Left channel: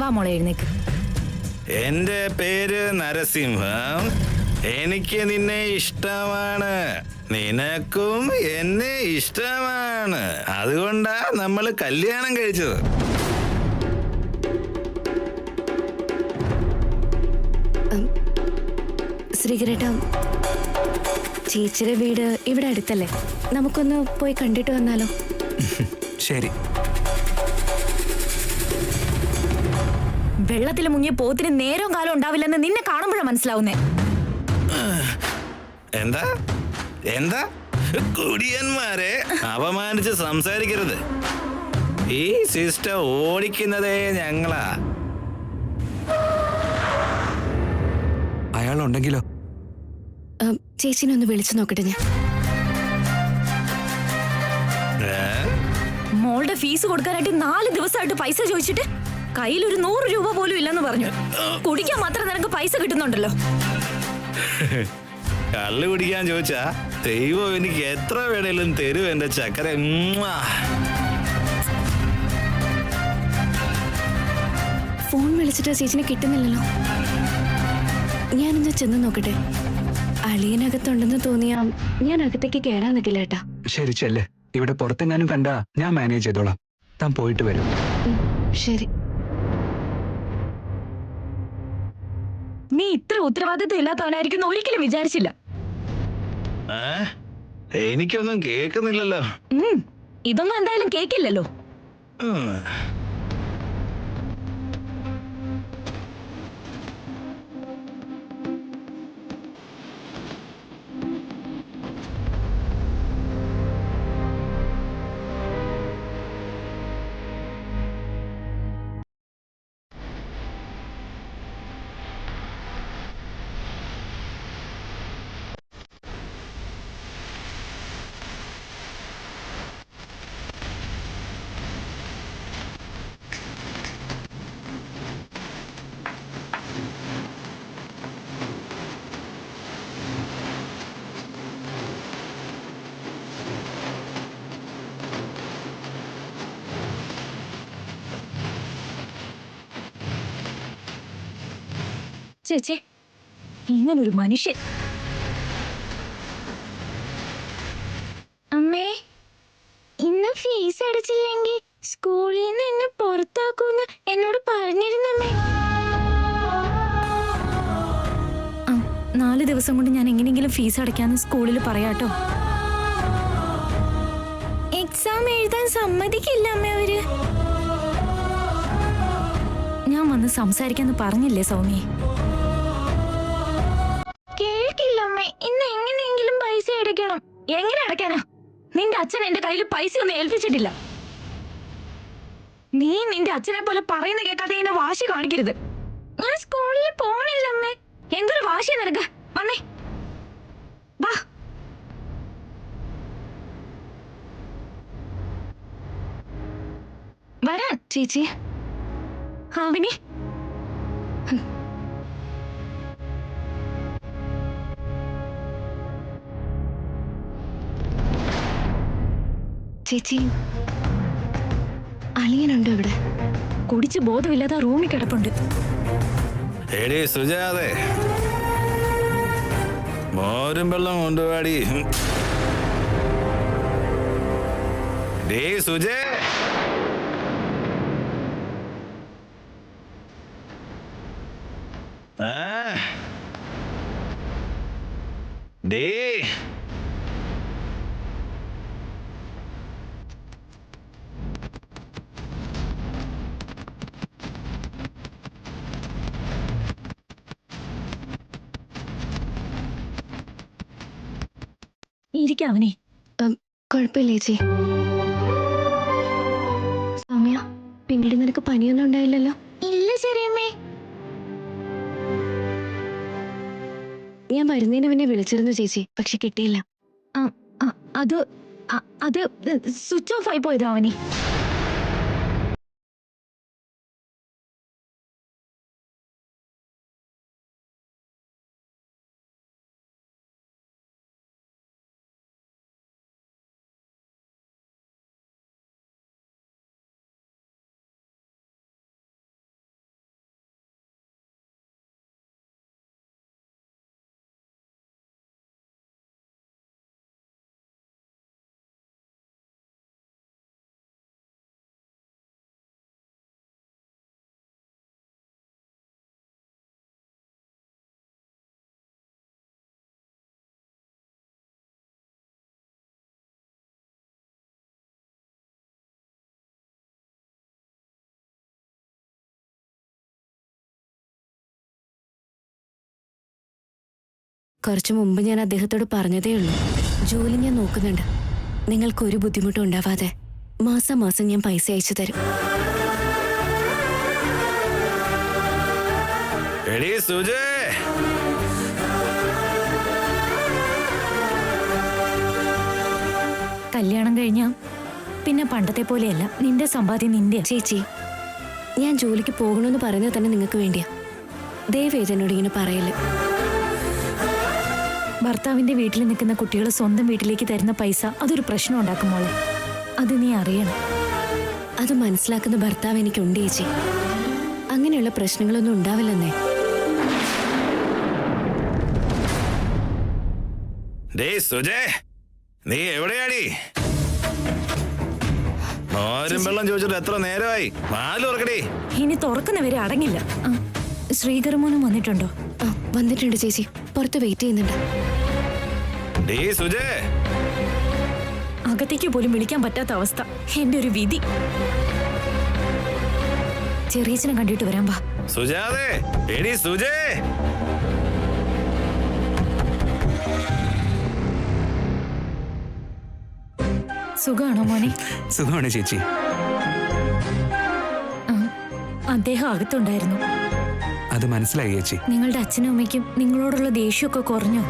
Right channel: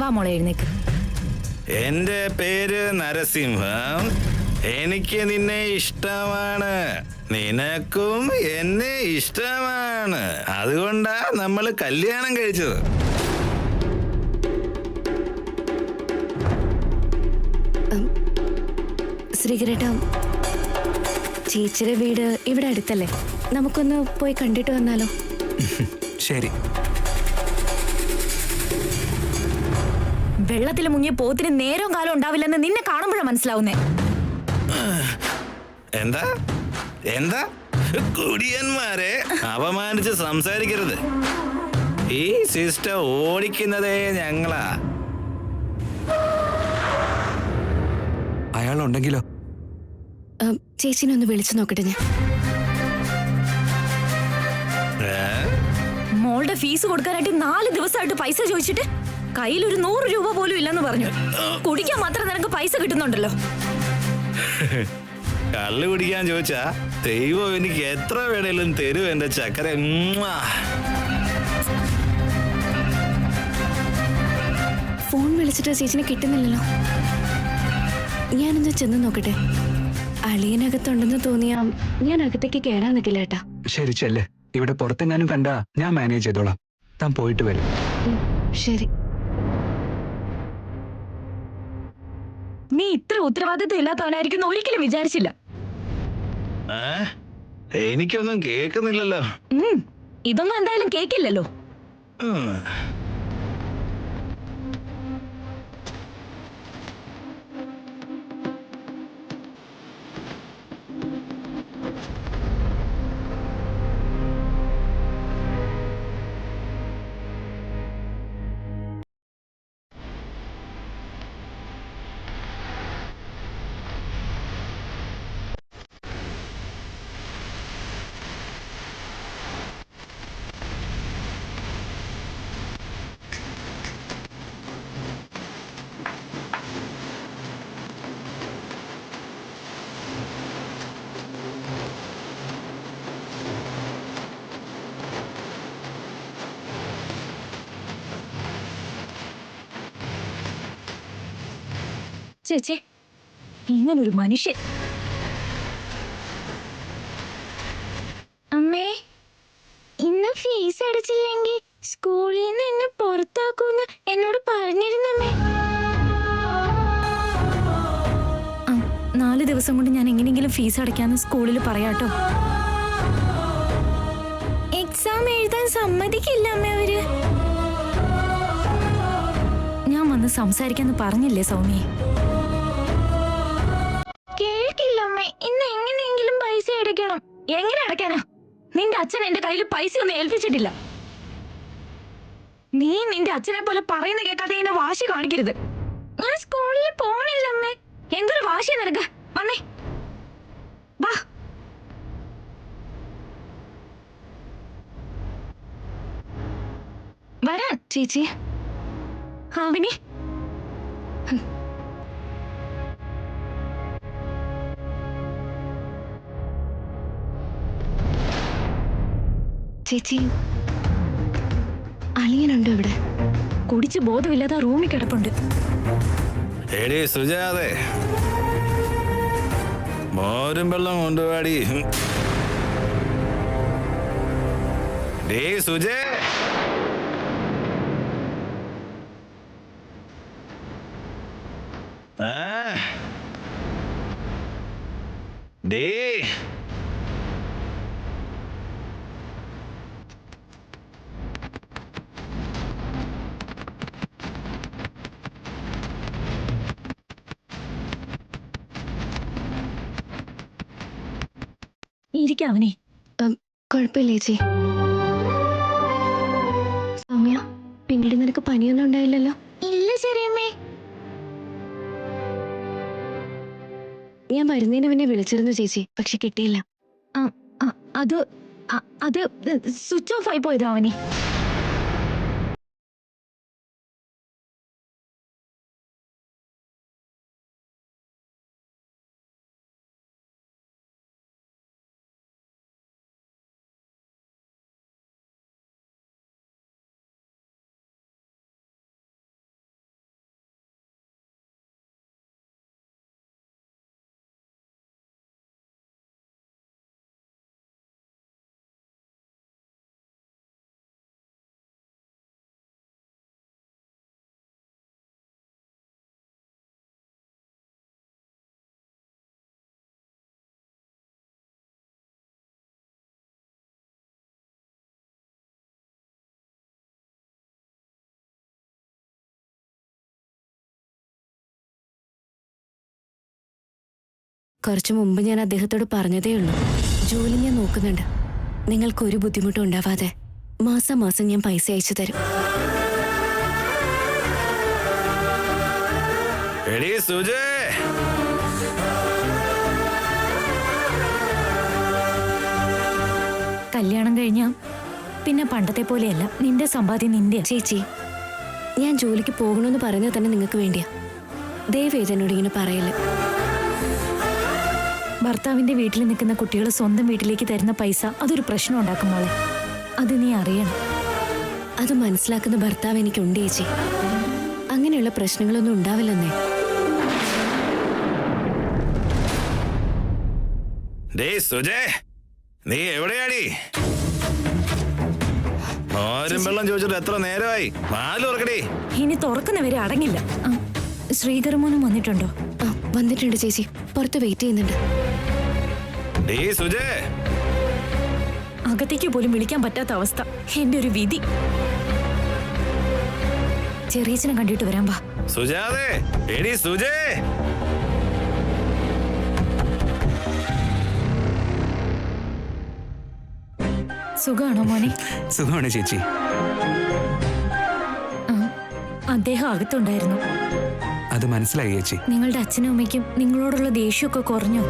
വാ മോളെ എഴുന്നേക്ക്. എന്റെ പേര് നരസിംഹം. എനിക്ക് നിന്നെ ഇഷ്ടമാണ്, നിനക്കും എന്നെ ഇഷ്ടമാണ്. അതുകൊണ്ടാ നമ്മൾ കല്യാണം കഴിച്ചത്. ശ്രീകരേട്ട, ചേച്ചിയുടെ വീട് ഇവിടെ അടുത്തല്ലേ? നമുക്കൊന്ന് പോയി കണ്ടിട്ട് വന്നാലോ? ശരി. വെള്ളത്തിൽ മുങ്ങിയ പോത്തിന് നേരവും കാലം ഉണ്ടാവില്ലെന്ന് നിന്നെ കാണുമ്പോഴാണ് മനസ്സിലാവുന്നേ. എന്താ എന്താ കുടിയന്മാരെ അപമാനിച്ച് സംസാരിക്കരുത്. ഈ സിസ്റ്റർ ഓടിക്കുന്നതേ ഞങ്ങളാ. അയാളുണ്ടെങ്കിലോ? ചേച്ചിനെ ഒന്ന് വിളിച്ചു നോക്കട്ടെ ഞാൻ. മോളുടെ ഫീസ് കൊടുക്കാനായിട്ട് 4 ദിവസമായിട്ട് പൈസ ചോദിച്ചിട്ട് കയ്യിൽ ഒരു 100 രൂപ പോലും ഇല്ലെന്ന് പറഞ്ഞു. കുടിക്കാൻ മാത്രം നിനക്ക് പൈസ കിട്ടുന്നുണ്ടല്ലോ. കള്ളു കുടിക്കാൻ ചോദിച്ചാ ദൈവം എനിക്ക് എത്ര വേണേലും തരും എന്റെ ചക്കര. ഫോൺ വിളിച്ചിട്ട് ചേച്ചിനെ കിട്ടുന്നില്ലല്ലോ. ഞാനൊന്ന് ചെന്ന് നോക്കട്ടെ. അളിയനകത്തുണ്ടെന്ന് തോന്നിയാ ഞാൻ അകത്തേക്ക് കേറാൻ നിൽക്കില്ല ഏട്ടാ. ശരി, ചെല്ലേ. ഇവിടെ പുറത്തെങ്ങാനും കണ്ടാ ഞാൻ മാനേജ് ചെയ്തോളാം. താൻ പോയിട്ട് വരും. ശരി. നീ ഇത്ര ഉത്തരവാദിത്വം ഇല്ലാത്തവനായിരിക്കും ഒരിക്കലും വിചാരിച്ചില്ല. എനിക്കൊന്നും കേൾക്കുന്നില്ലല്ലോ. ഇതൊന്നും എന്തായാലും കേക്കില്ലല്ലോ. ചേച്ചി, ഇങ്ങനൊരു മനുഷ്യൻ. അമ്മേ, ഇന്ന് ഫീസ് അടച്ചില്ലെങ്കിൽ സ്കൂളിൽ നിന്ന് എന്നെ പുറത്താക്കൂന്ന് എന്നോട് പറഞ്ഞിരുന്നമ്മേ. 4 ദിവസം കൊണ്ട് ഞാൻ എങ്ങനെയെങ്കിലും ഫീസ് അടയ്ക്കാന്ന് സ്കൂളിൽ പറയാട്ടോ. എക്സാം എഴുതാൻ സമ്മതിക്കില്ല അമ്മ അവര്. ഞാൻ വന്ന് സംസാരിക്കാന്ന് പറഞ്ഞില്ലേ സൗമ്യേ? കേൾക്കില്ലമ്മേ. ഇന്ന് എങ്ങനെയെങ്കിലും പൈസ അടയ്ക്കണം. എങ്ങനെ അടയ്ക്കാനാ? നിന്റെ അച്ഛൻ എന്റെ കയ്യിൽ പൈസ ഒന്നും ഏൽപ്പിച്ചിട്ടില്ല. നീ നിന്റെ അച്ഛനെ പോലെ പറയുന്ന കേൾക്കാതെ എന്നെ വാശി കാണിക്കരുത്. ഞാൻ സ്കൂളിൽ പോണില്ലമ്മേ. എന്തൊരു വാശിയാ നിനക്ക്? വന്നേ, വാ. വരാൻ ചേച്ചി. ആവിനി, ചേച്ചി, അളിയനുണ്ട് ഇവിടെ. കുടിച്ച് ബോധമില്ലാതെ റൂമിൽ കിടപ്പുണ്ട്. എടീ സുജാതെ, മോരും വെള്ളം കൊണ്ടുപാടി. Day സുജേ, day. ഇരിക്കാവനെ. കുഴപ്പമില്ല ചേച്ചി. സൗമ്യ, പിന്നീട് നിനക്ക് പനിയൊന്നും ഉണ്ടായില്ലല്ലോ? ഇല്ല ചെറിയമ്മേ. ഞാൻ വരുന്നതിന് മുന്നേ വിളിച്ചിരുന്നു ചേച്ചി, പക്ഷെ കിട്ടിയില്ല. അത് സ്വിച്ച് ഓഫ് ആയി പോയതാ അവനെ. കുറച്ചു മുമ്പ് ഞാൻ അദ്ദേഹത്തോട് പറഞ്ഞതേ ഉള്ളൂ. ജോലി ഞാൻ നോക്കുന്നുണ്ട്. നിങ്ങൾക്കൊരു ബുദ്ധിമുട്ടും ഉണ്ടാവാതെ മാസം മാസം ഞാൻ പൈസ അയച്ചു തരും. എടീ സുജേ, കല്യാണം കഴിഞ്ഞാ പിന്നെ പണ്ടത്തെ പോലെയല്ല. നിന്റെ സമ്പാദ്യം നിന്റെ. ചേച്ചി, ഞാൻ ജോലിക്ക് പോകണമെന്ന് പറയുന്നത് തന്നെ നിങ്ങൾക്ക് വേണ്ടിയാ. ദയവേത് എന്നോട് ഇങ്ങനെ പറയല്ലേ. ഭർത്താവിന്റെ വീട്ടിൽ നിൽക്കുന്ന കുട്ടികൾ സ്വന്തം വീട്ടിലേക്ക് തരുന്ന പൈസ അതൊരു പ്രശ്നം ഉണ്ടാക്കും മോളെ. അത് നീ അറിയണം. അത് മനസ്സിലാക്കുന്ന ഭർത്താവ് എനിക്കുണ്ട് ചേച്ചി. അങ്ങനെയുള്ള പ്രശ്നങ്ങളൊന്നും ഉണ്ടാവില്ലെന്നേ. ഡേ സുജേ, നീ എവിടെയാടി? മോരും വെള്ളം ചോദിച്ചിട്ട് എത്ര നേരമായി? വാല് തുറക്കടി. ഇനി തുറക്കുന്നവരെ അടങ്ങില്ല. ശ്രീകരമോനും വന്നിട്ടുണ്ടോ? വന്നിട്ടുണ്ട് ചേച്ചി, പുറത്ത് വെയിറ്റ് ചെയ്യുന്നുണ്ട്. ഡേ സുജേ, അകത്തേക്ക് പോലും വിളിക്കാൻ പറ്റാത്ത അവസ്ഥ. എന്റെ ഒരു വിധി. ചെറിയച്ഛനെ കണ്ടിട്ട് വരാൻ വാ. സുജാതേ, എടി സുജേ. സുഖാണോ മോനെ? സുഖമാണ് ചേച്ചി. അദ്ദേഹം അകത്തുണ്ടായിരുന്നു. അത് മനസ്സിലായി ചേച്ചി. നിങ്ങളുടെ അച്ഛനും അമ്മയ്ക്കും നിങ്ങളോടുള്ള ദേഷ്യമൊക്കെ കുറഞ്ഞോ?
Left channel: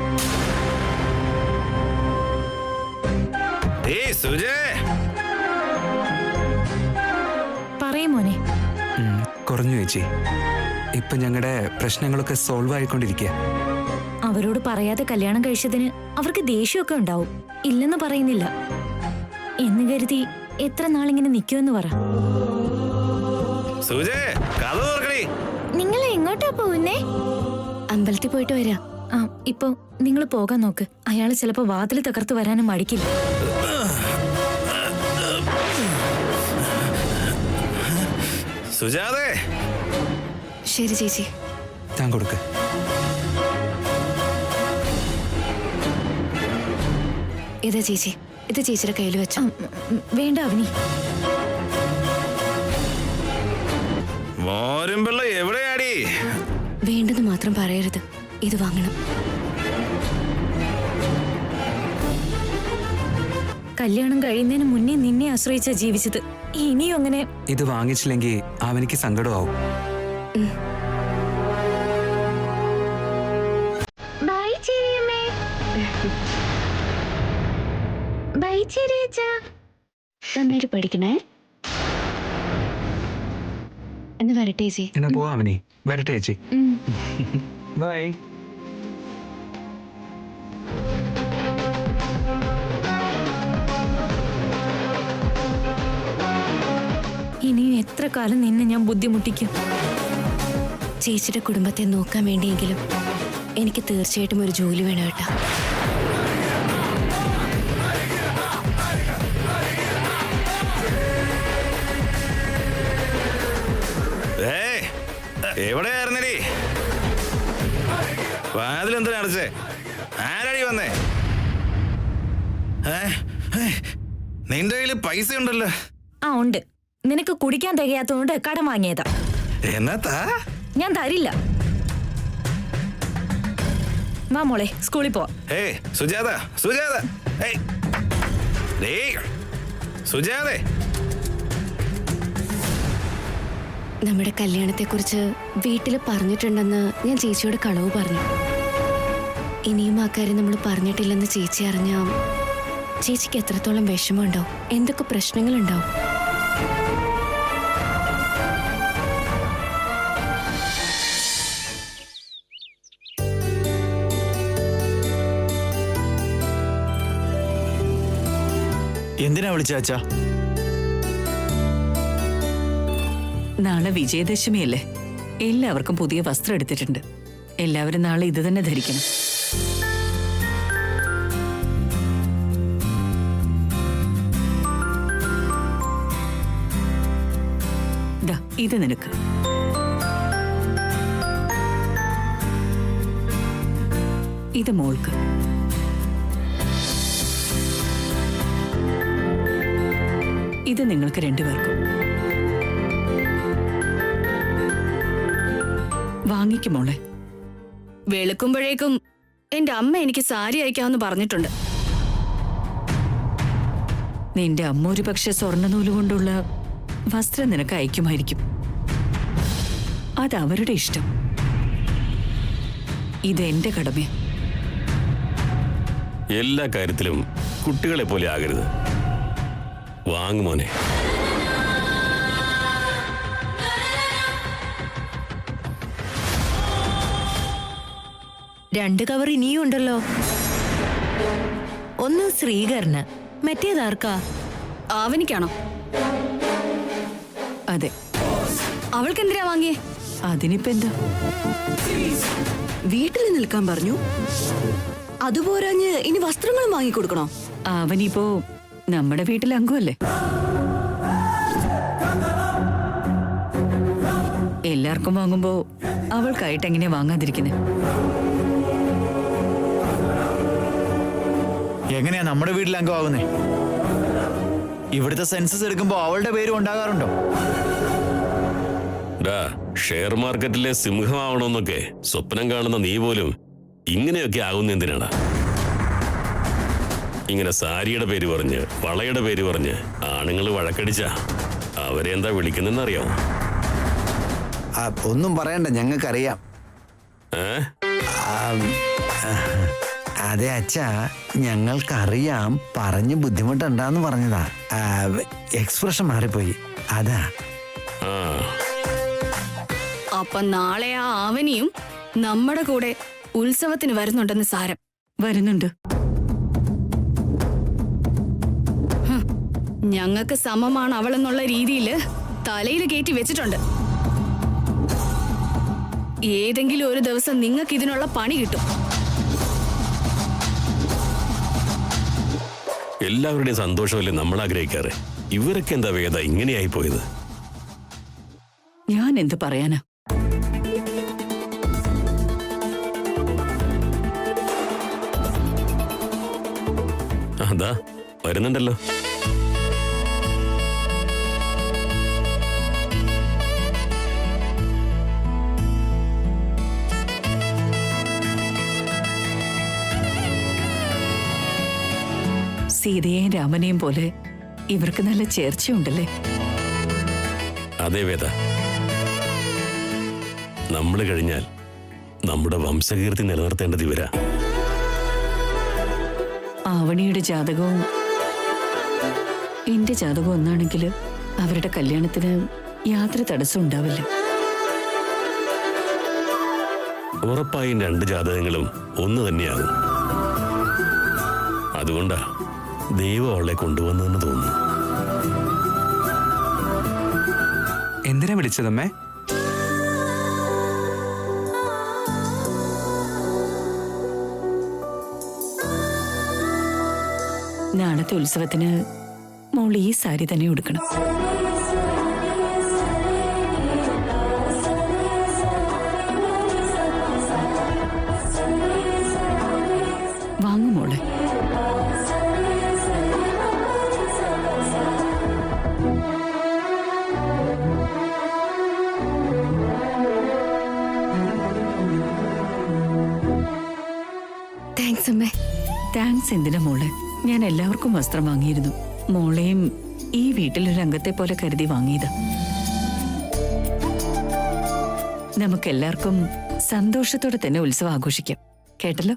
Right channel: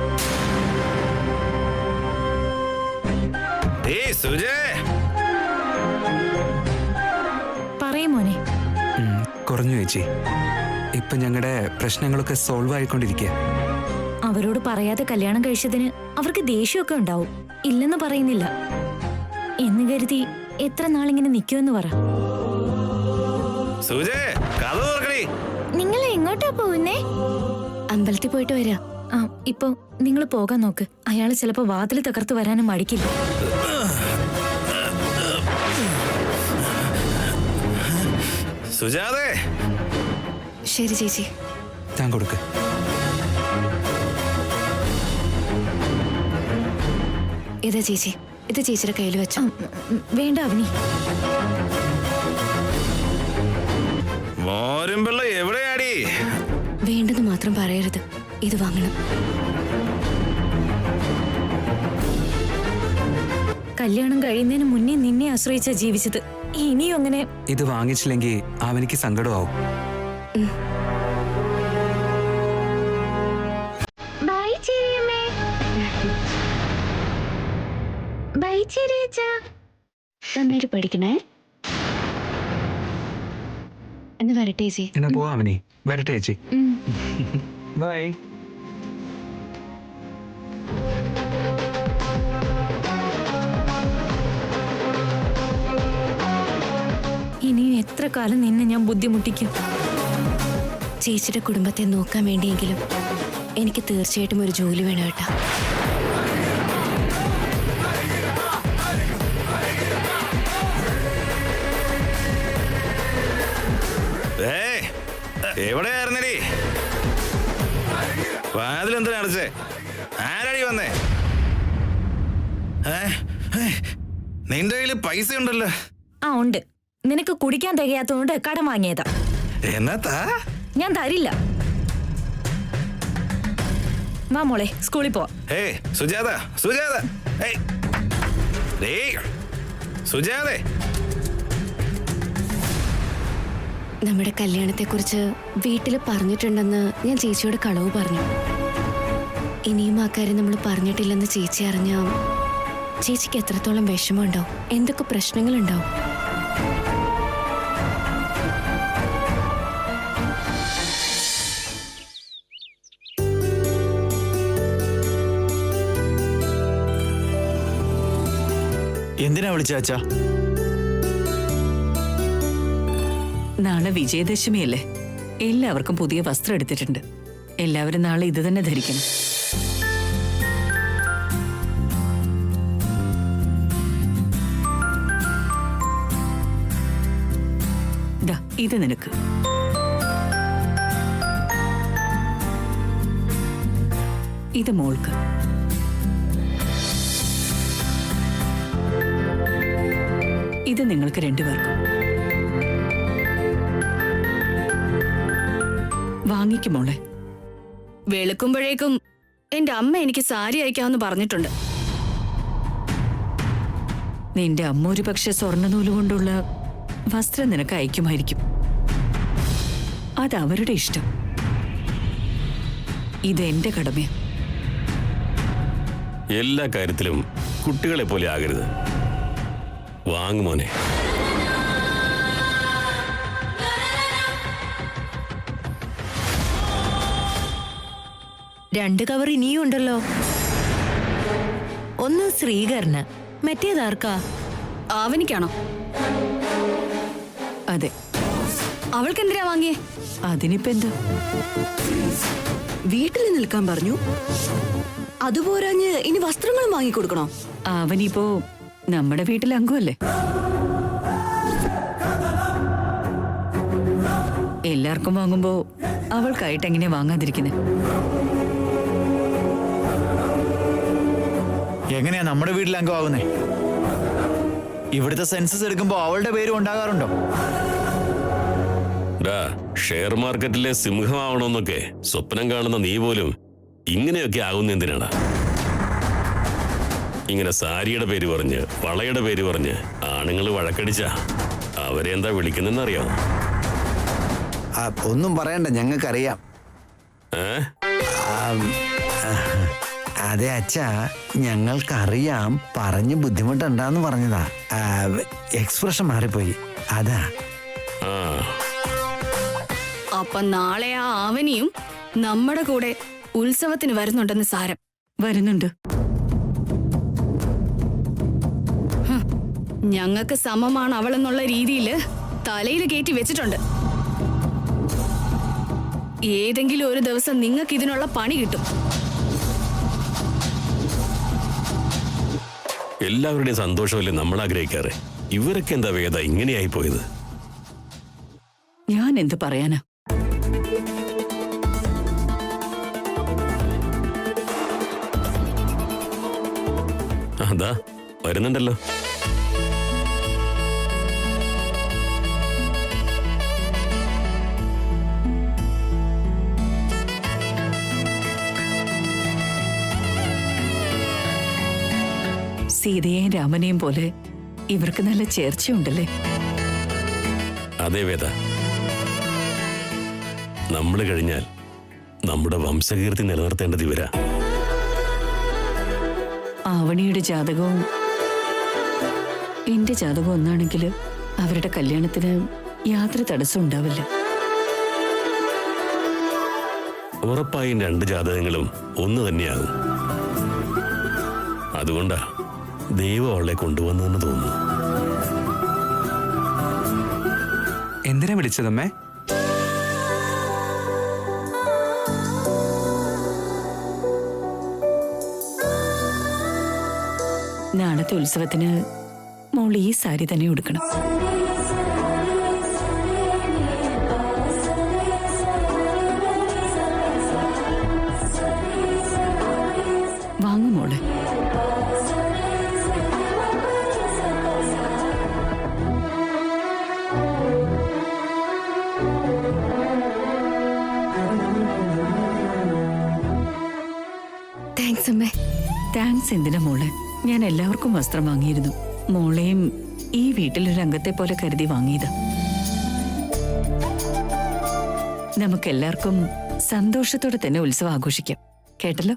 സുജേ, പറയും മോനെ. കുറഞ്ഞു ചേച്ചി. ഇപ്പൊ ഞങ്ങളുടെ പ്രശ്നങ്ങളൊക്കെ സോൾവ് ആയിക്കൊണ്ടിരിക്കുക. അവരോട് പറയാതെ കല്യാണം കഴിച്ചതിന് അവർക്ക് ദേഷ്യമൊക്കെ ഉണ്ടാവും. ഇല്ലെന്ന് പറയുന്നില്ല. എന്ന് കരുതി എത്ര നാളിങ്ങനെ നിൽക്കുമെന്ന് പറ. സുജേ, കഥ തുറക്കടി. നിങ്ങൾ എങ്ങോട്ടാ പോകുന്നേ? അമ്പലത്തിൽ പോയിട്ട് വരാം. ഇപ്പൊ നിങ്ങൾ പോകാൻ നോക്ക്. അയാള് ചിലപ്പോ വാതിൽ തകർത്ത് വരാനും മടിക്കില്ല. സുജാതേ. ശരി ചേച്ചി. താൻ കൊടുക്ക്. ഇതാ ചേച്ചി, ഇത് ചേച്ചിയുടെ കയ്യിൽ വെച്ചോ. വേണ്ട അവനി. മോരും വെള്ളം എവിടെയാടി? വേണ്ടെന്ന് മാത്രം പറയരുത്. ഇത് വാങ്ങണം. കല്യാണം കഴിയുന്നതിന് മുന്നേ നിന്നെ ആശ്രയിച്ച ജീവിച്ചത്. ഇനിയും അങ്ങനെ. ഇത് വാങ്ങിച്ചില്ലെങ്കിൽ അവനിക്ക് സങ്കടമാവും. നന്നായിട്ട് പഠിക്കണേ. എന്ന് വരട്ടെ ചേച്ചി. എന്നാ പോവാ അവനി. വരട്ടെ ചേച്ചി. ബൈ. ഇനിയും എത്ര കാലം നിന്നെ ഞാൻ ബുദ്ധിമുട്ടിക്കും? ചേച്ചിയുടെ കുടുംബത്തെ നോക്കാൻ വേണ്ടിയെങ്കിലും എനിക്ക് തീർച്ചയായിട്ടും ഒരു ജോലി വേണം കേട്ടാ. എവിടെയായിരുന്നടി? വാതിലെന്തിനാ അടച്ചേ? ആരാടി വന്നേ? നിന്റെ കയ്യില് പൈസ ഉണ്ടല്ലോ. ഉണ്ട്. നിനക്ക് കുടിക്കാൻ തികയാത്തതുകൊണ്ട് കടം വാങ്ങിയതാ. എന്നാ ഞാൻ തരില്ല. വാ മോളെ, സ്കൂളിൽ പോവാ. സുജാത, സുജാത, സുജാതേ. നമ്മുടെ കല്യാണത്തെക്കുറിച്ച് വീട്ടിൽ പറഞ്ഞിട്ടുണ്ടെന്ന് ഞാൻ ചേച്ചിയോട് കളവ് പറഞ്ഞു. ഇനിയും ആ കാര്യം നമ്മൾ പറഞ്ഞിട്ടില്ലെന്ന് ചേച്ചി അറിഞ്ഞാൽ ചേച്ചിക്ക് എത്രത്തോളം വിഷമമുണ്ടാവും, എന്തൊക്കെ പ്രശ്നങ്ങളുണ്ടാവും. എന്തിനാ വിളിച്ചാച്ചാ? നാളെ വിജയദശമിയല്ലേ? എല്ലാവർക്കും പുതിയ വസ്ത്രം എടുത്തിട്ടുണ്ട്. എല്ലാവരും നാളെ ഇത് തന്നെ ധരിക്കണം. ദാ ഇത് നിനക്ക്. ഇത് മോൾക്ക്. ഇത് നിങ്ങൾക്ക് രണ്ടുപേർക്കും. വാങ്ങിക്കുമോളെ. വെളുക്കുമ്പോഴേക്കും എന്റെ അമ്മ എനിക്ക് സാരി അയക്കാമെന്ന് പറഞ്ഞിട്ടുണ്ട്. നിന്റെ അമ്മ ഒരു പക്ഷെ സ്വർണ്ണനൂല് കൊണ്ടുള്ള വസ്ത്രം നിനക്ക് അയക്കുമായിരിക്കും. അത് അവരുടെ ഇഷ്ടം. ഇതെന്റെ കടമ. എല്ലാ കാര്യത്തിലും കുട്ടികളെ പോലെ ആകരുത്. വാങ്ങുമോനെ. രണ്ട് കവർ ഇനിയും ഉണ്ടല്ലോ. ഒന്ന് ശ്രീകരന്, മറ്റേതാർക്കാ? ആവനിക്കാണോ? അതെ. അവൾക്ക് എന്തിനാ വാങ്ങിയേ? അതിനിപ്പോ എന്താ? വീട്ടിൽ നിൽക്കാൻ പറഞ്ഞു. അതുപോരാഞ്ഞ് ഇനി വസ്ത്രങ്ങളും വാങ്ങിക്കൊടുക്കണോ? അവനിപ്പോ നമ്മുടെ വീട്ടിലെ അംഗമല്ലേ. എല്ലാവർക്കും വാങ്ങുമ്പോ അവൾക്കായിട്ട് എങ്ങനെയാ വാങ്ങാതിരിക്കുന്നത്? എങ്ങനെയാ നമ്മുടെ വീട്ടിൽ അംഗമാകുന്നേ? ഇവിടുത്തെ സെൻസസ് എടുക്കുമ്പോ അവളുടെ പേരും ഉണ്ടാകാറുണ്ടോ? ഷെയർ മാർക്കറ്റിലെ സിംഹമാവണമെന്നൊക്കെ സ്വപ്നം കാണുന്ന നീ പോലും ഇങ്ങനെയൊക്കെ ആകുന്ന എന്തിനാണ്? ഇങ്ങനെ സാരിയുടെ പേര് പറഞ്ഞ് വളയുടെ പേര് പറഞ്ഞ് ആണുങ്ങൾ വഴക്കടിച്ച അവരെ എന്താ വിളിക്കുന്നെന്നറിയാമോ? ഒന്നും പറയണ്ട, ഞങ്ങൾക്കറിയാം. അതെ അച്ഛാ, ഞങ്ങൾക്കറിയാം. പറഞ്ഞ് ബുദ്ധിമുട്ടുണ്ടാന്ന് പറഞ്ഞതാ. എക്സ്പ്രഷൻ മാറിപ്പോയി, അതാ. അപ്പൊ നാളെ ആ ആവനിയും നമ്മുടെ കൂടെ ഉത്സവത്തിന് വരുന്നുണ്ടെന്ന് സാരം. വരുന്നുണ്ട്. ഞങ്ങൾക്ക് സമമാണ് അവളെന്നുള്ള രീതിയിൽ തലയിൽ കയറ്റി വെച്ചിട്ടുണ്ട്. ഏതെങ്കിലും ഒരു ദിവസം നിങ്ങൾക്ക് ഇതിനുള്ള പണി കിട്ടും. എല്ലാവരുടെയും സന്തോഷമല്ലേ നമ്മൾ ആഗ്രഹിക്കാറ്. ഇവരൊക്കെ എന്താ വേദ ഇങ്ങനെയായി പോയത്? ഞാൻ എന്ത് പറയാനാ? അതാ വരുന്നുണ്ടല്ലോ. സീതയെയും രാമനെയും പോലെ ഇവർക്ക് നല്ല ചേർച്ചയുണ്ടല്ലേ? അതേ വേദ, നമ്മൾ കഴിഞ്ഞാൽ നമ്മുടെ വംശകീർത്തി നിലനിർത്തേണ്ടത് ഇവരാ. ആവണിയുടെ ജാതകവും എന്റെ ജാതകവും ഒന്നാണെങ്കിൽ അവരുടെ കല്യാണത്തിന് യാതൊരു തടസ്സം ഉണ്ടാവില്ല. ഉറപ്പായും രണ്ട് ജാതകങ്ങളും ഒന്ന് തന്നെയാകും. അതുകൊണ്ടാ ദൈവം അവളെ കൊണ്ടുവന്നെന്ന് തോന്നുന്നു. എന്തിനാ വിളിച്ചതമ്മേ? നാളത്തെ ഉത്സവത്തിന് മോൾ ഈ സാരി തന്നെ ഉടുക്കണം. വാങ്ങു മോളെ. താങ്ക്സ് അമ്മേ. താങ്ക്സ് എന്തിനാ മോളെ? ഞാൻ എല്ലാവർക്കും വസ്ത്രം വാങ്ങിയിരുന്നു. മോളെയും ഈ വീട്ടിലൊരു അംഗത്തെ പോലെ കരുതി വാങ്ങിയതാ. നമുക്കെല്ലാവർക്കും സന്തോഷത്തോടെ തന്നെ ഉത്സവം ആഘോഷിക്കാം. കേട്ടല്ലോ?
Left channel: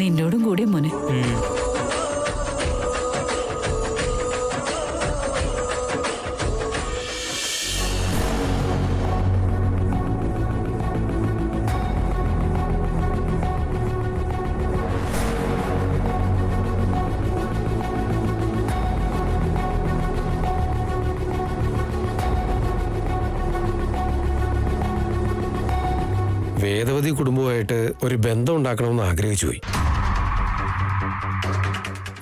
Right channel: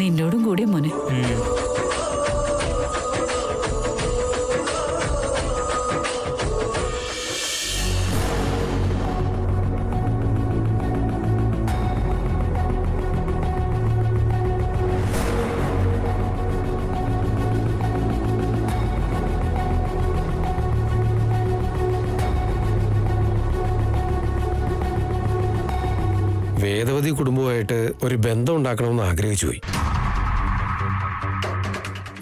നിന്നോടും കൂടി മോനെ. വേദവതി കുടുംബമായിട്ട് ഒരു ബന്ധം ഉണ്ടാക്കണമെന്ന് ആഗ്രഹിച്ചു പോയി.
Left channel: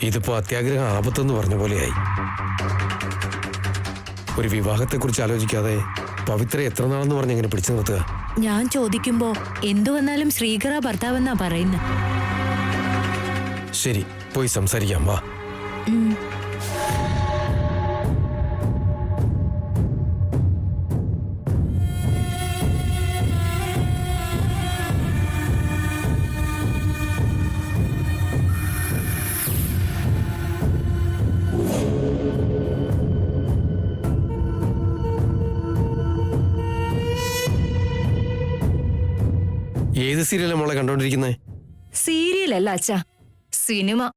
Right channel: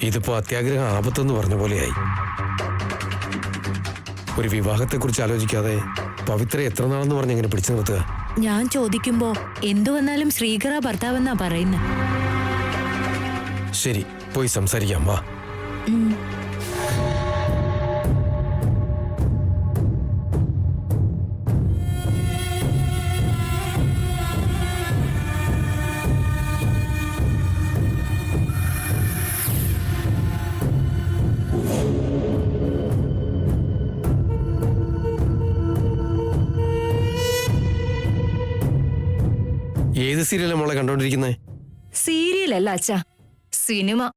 ഇതിപ്പോ അത്യാഗ്രഹം ആപത്തെന്ന് പറഞ്ഞ പോലെയായി. ഒരു വിവാഹത്തെക്കുറിച്ച് ആലോചിക്കാതെ പവിത്ര എത്ര നാളെന്ന് പറഞ്ഞ് എങ്ങനെ പിടിച്ചു നിർത്തുക? ഞാൻ ചോദിക്കുമ്പോ എന്തു വന്നാലും ശ്രീകര ഭർത്താവെന്നാ പറയുന്നത്. ശരി, പോയി സംസാരിക്കാം, വാ. ഏത് സീരിയലാണ് മോളെ കണ്ടോണ്ടിരിക്കുന്നത്? സീരിയലല്ല അച്ഛാ, സിനിമ.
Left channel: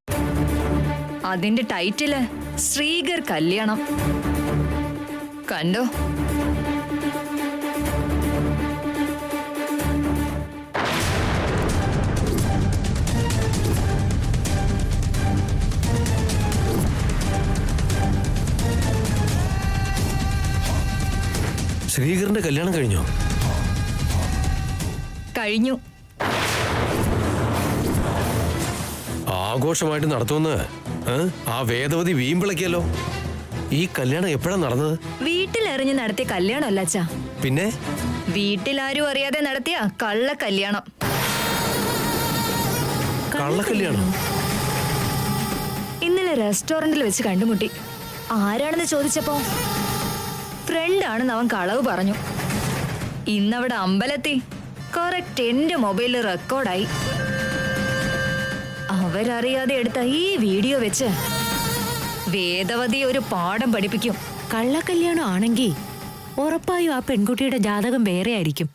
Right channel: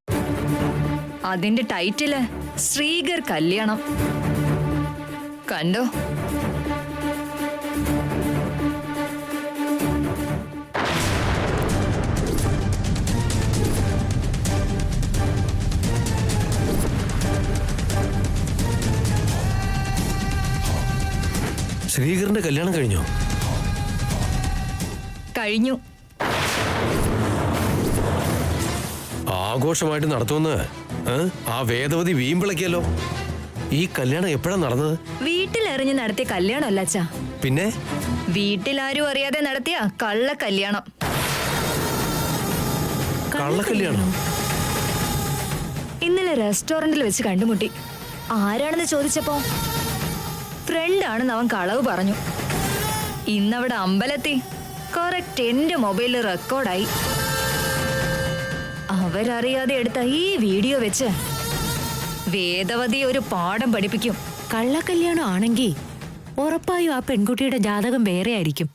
അതിന്റെ ടൈറ്റില് ശ്രീകർ കല്യാണം. കണ്ടോ? ശ്രീകറിന്റെ കല്യാണം കഴിഞ്ഞോ? കഴിഞ്ഞു. ആഘോഷമായിട്ട് നടത്തുമെന്ന് ആ വേദവതി വീമ്പിളക്കിയല്ലോ. ഈ കല്യാണം എപ്പോഴാ നടന്നത്? വീട്ടിലെറിഞ്ഞ് നടത്തിയ കല്യാണമല്ല അച്ഛാ, പിന്നെ വീട്ടിലാരും അറിയാതെ നടത്തിയ കള്ള കല്യാണം. കള്ളക്കല്യാണം? ഇന്നലെ റെസ്റ്റോറന്റിൽ വെച്ച് കണ്ടുമുട്ടി. ആരാണെന്ന് ചോദിച്ചപ്പോ ഫ്രണ്ടാണെന്ന് അവൻ കളവ് പറഞ്ഞു. ഇന്നവിടെ അമ്പലത്തിൽ കറക്റ്റ് എന്റെ മൊബൈലിൽ റെക്കോർഡായി. അവരറിയാതെ എടുത്ത ഈ വീഡിയോ വെച്ച് വേദവതി ഒരു പാഠം പഠിപ്പിക്കും. കള്ളക്കല്യാണം ആണെങ്കിൽ ഉറപ്പായും ആ പെൺകുട്ടിയുടെ ജാതകം വേറെ ആയിരിക്കും.